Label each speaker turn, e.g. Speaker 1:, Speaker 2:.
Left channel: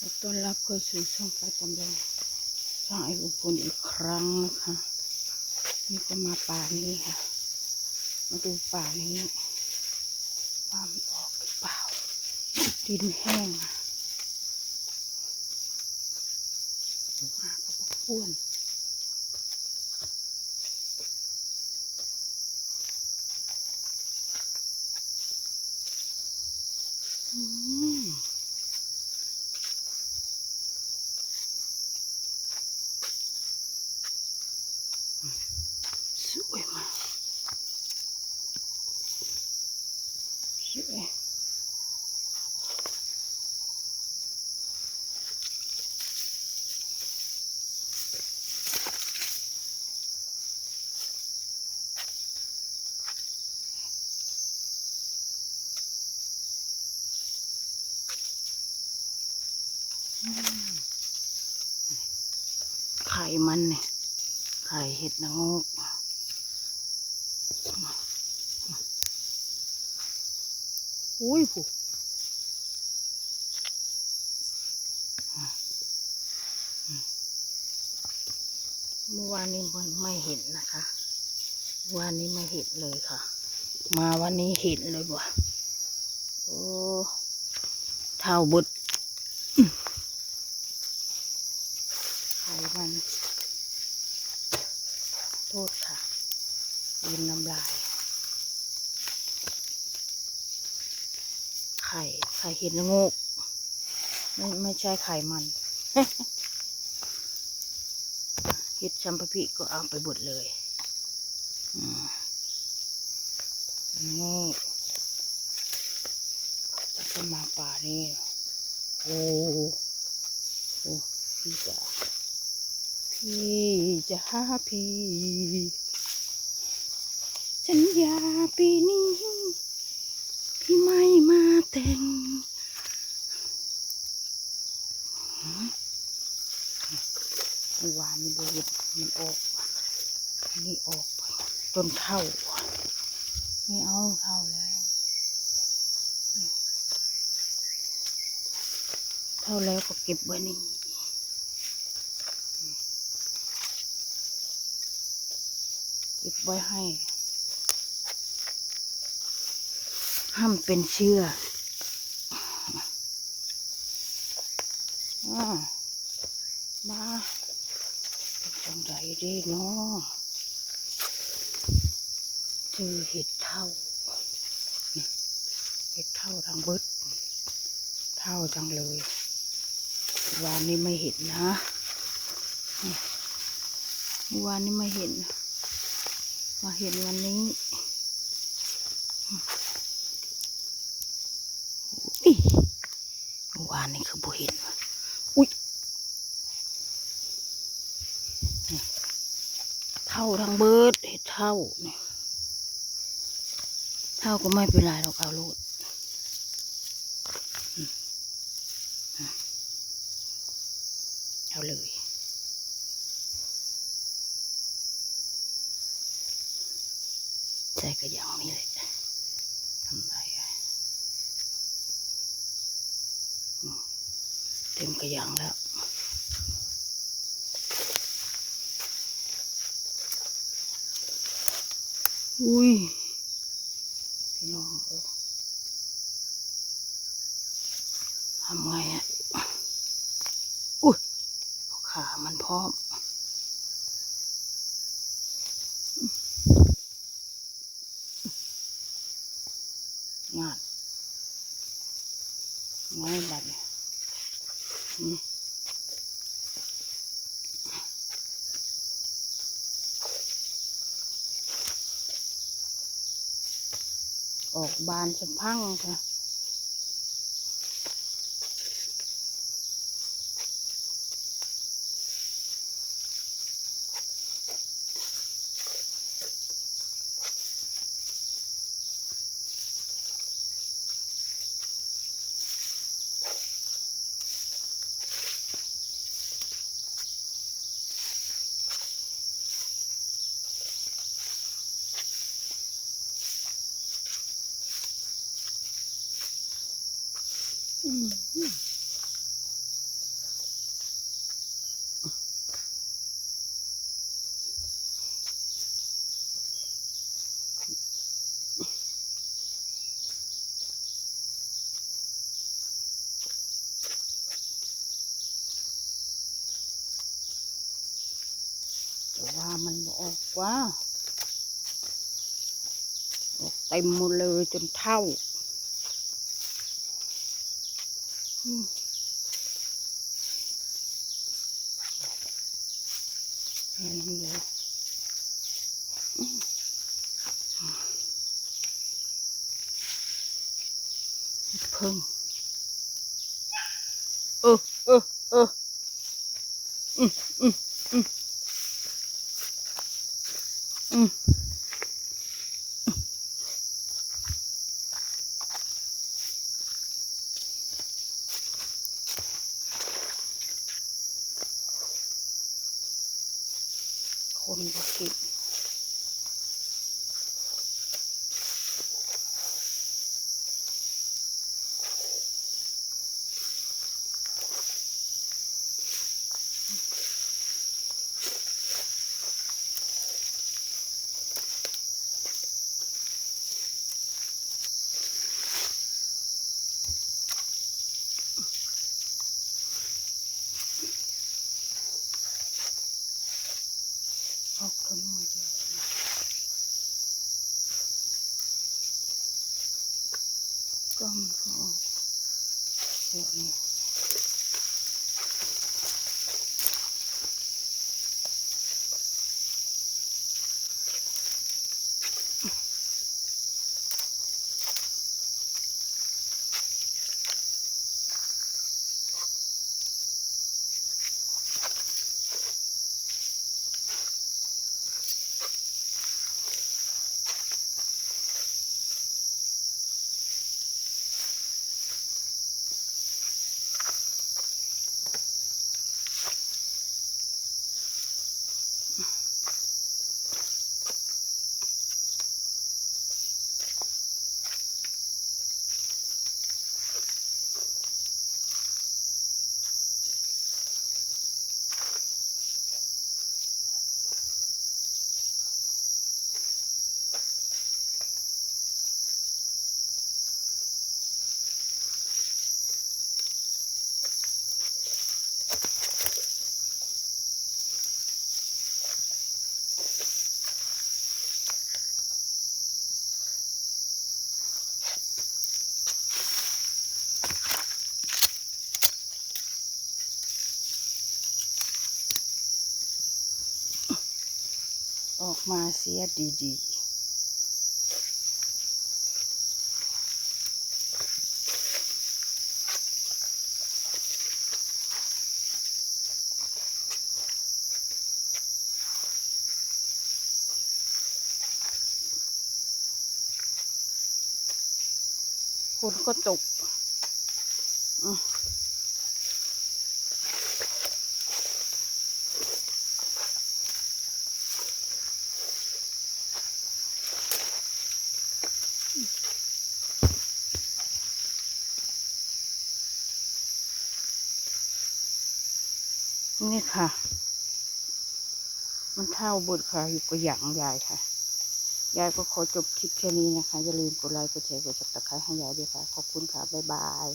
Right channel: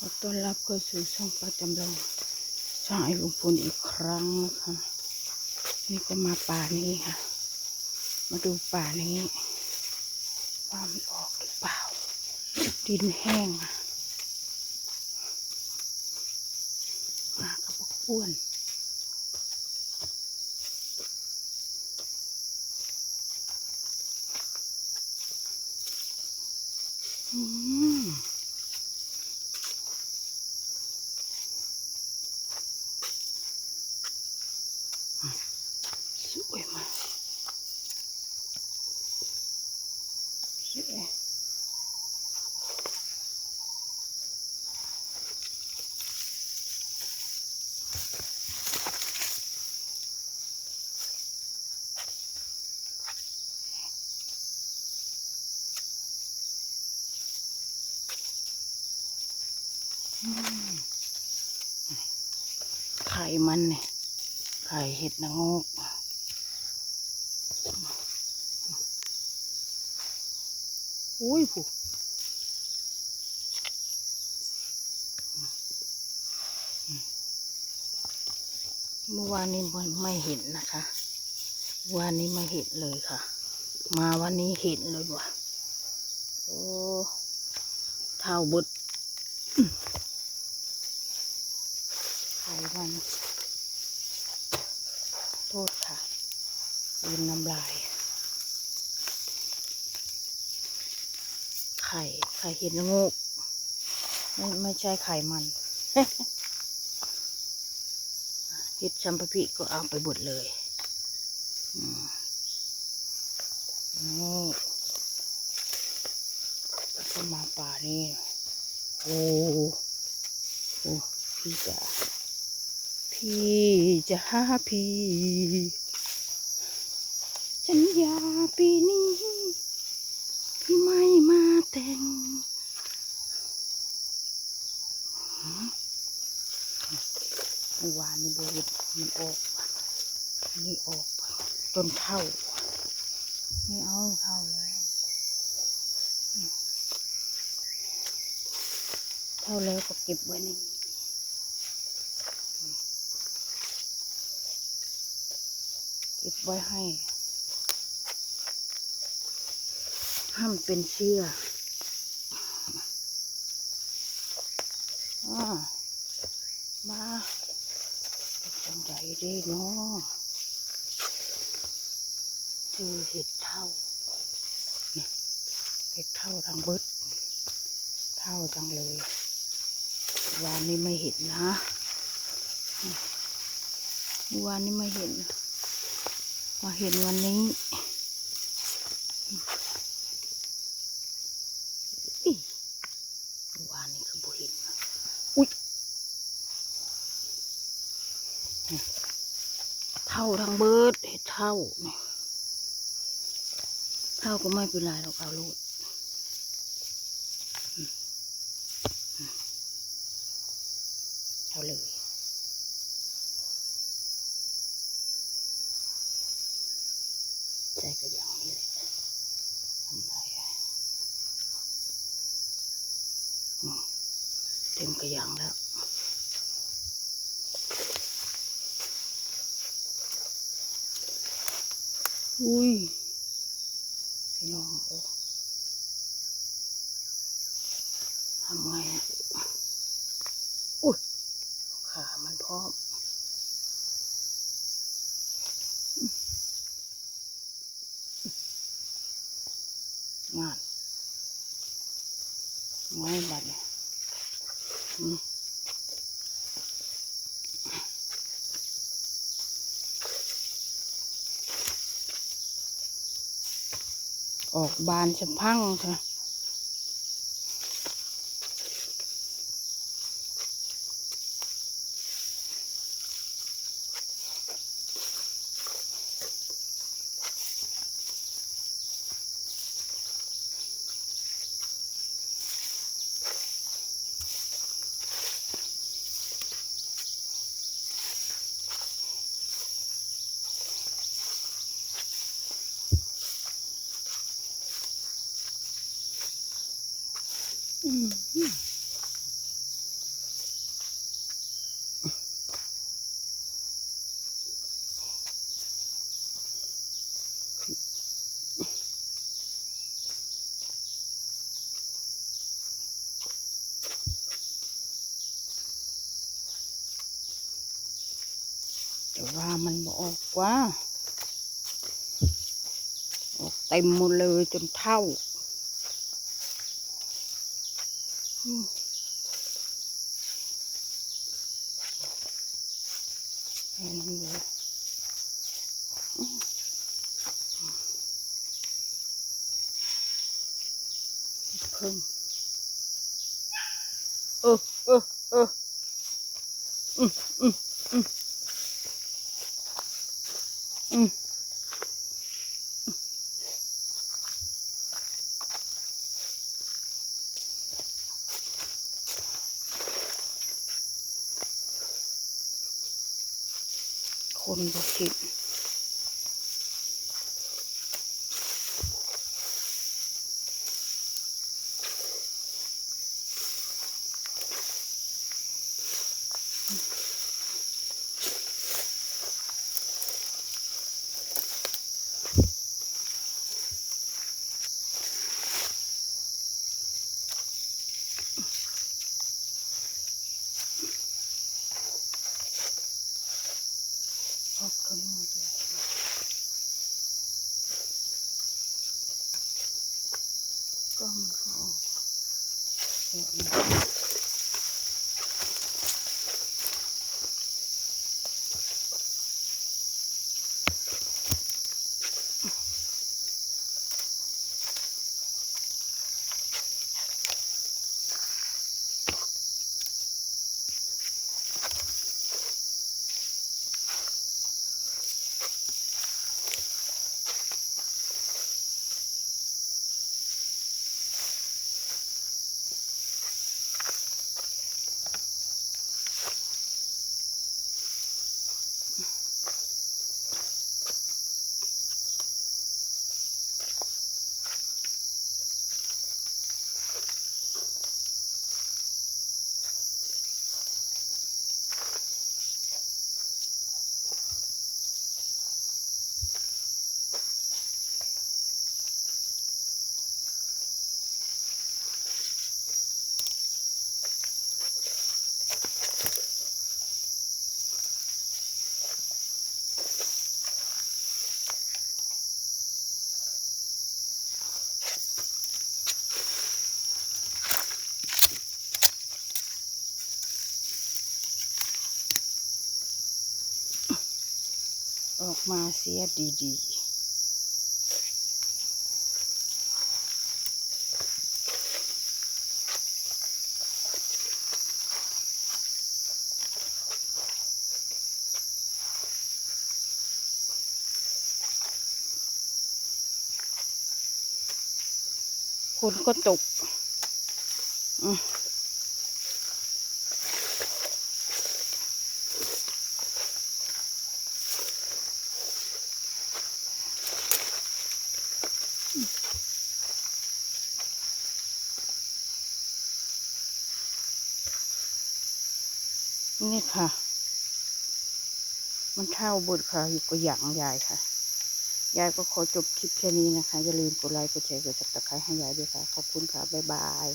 Speaker 1: ขอต้อนรับเข้าสู่ช่องประจำลงช่างไอ้ลุงพลอีกครั้งนะคะ นี่ก็มาป่านี้ค่ะ มาดูป่านี้ว่ามันออกหรือเปล่า ดินแห้งอะมากับพวกอ้วน อืม สวยมากสวยอืม ไข่มันเนี่ยไข่เห็ดนางงกอุ้ยผู้เมื่อวานนี้ไม่เห็นนะคะวันนี้ไม่เห็นเลยค่ะ มาวันนี้เห็นเลยว่ะโอ้เท่าบุด ไข่มัน โทษค่ะลืมน้ำลาย ไข่ ไข่เห็ดละโงกไม่ไม่ใช่ไข่มันเห็ดชัมปะพิก็เอาไปบดเลยนี่ก็มาป่านี่ โอ้โอ้พี่จ๋า พี่จะหาพี่สัญญาปีนี้ ไม่มาแต่งเมื่อวานนี้บริษมันออกนี่ออก ต้นเท่าไม่เอาเท่าแล้วเท่าแล้วก็เก็บไว้นี่อืม เก็บไว้ให้ ห้ามเป็นเชื่ออมาจังไดเด้เนาะคือเห็ดเท่าเห็ดเท่าทางเบิดเท่าจังเลยวานนี้ไม่เห็นนะวานนี้ไม่เห็น มาเห็นวันนี้อุ๊ยเมื่อวานนี่คือบุเห็นว่ะอุ้ยนี่เท่าทางเบิดเห็ดเท่าเนี่ยเท่าก็ไม่เป็นไรเราเอาโลดอืมอืมเอาเลย ใช่ก็อย่างนี้แหละทำไรเต็มกระยังแล้วอุ้ยพี่น้องทำไงอะอุ้ยขามันพร้อม งาน ไงบัดเนี่ยออกบานสะพังค่ะ ว่ามันบ่ออกว่าออกเต็มหมดเลยจนเท่าอืมแคนบอกกิน Thank you. ออกมาเสียดีๆคนก็ตกอืม นี่ค่ะ มันเท่าบุตรค่ะ อยู่กับหยางยายค่ะ ยายก็ขอจบคลิปแค่นี้นะคะ อย่าลืมกดไลค์ กดแชร์ กดจับตะไคร้ให้ยายด้วยค่ะ ขอบคุณค่ะ บ๊ายบาย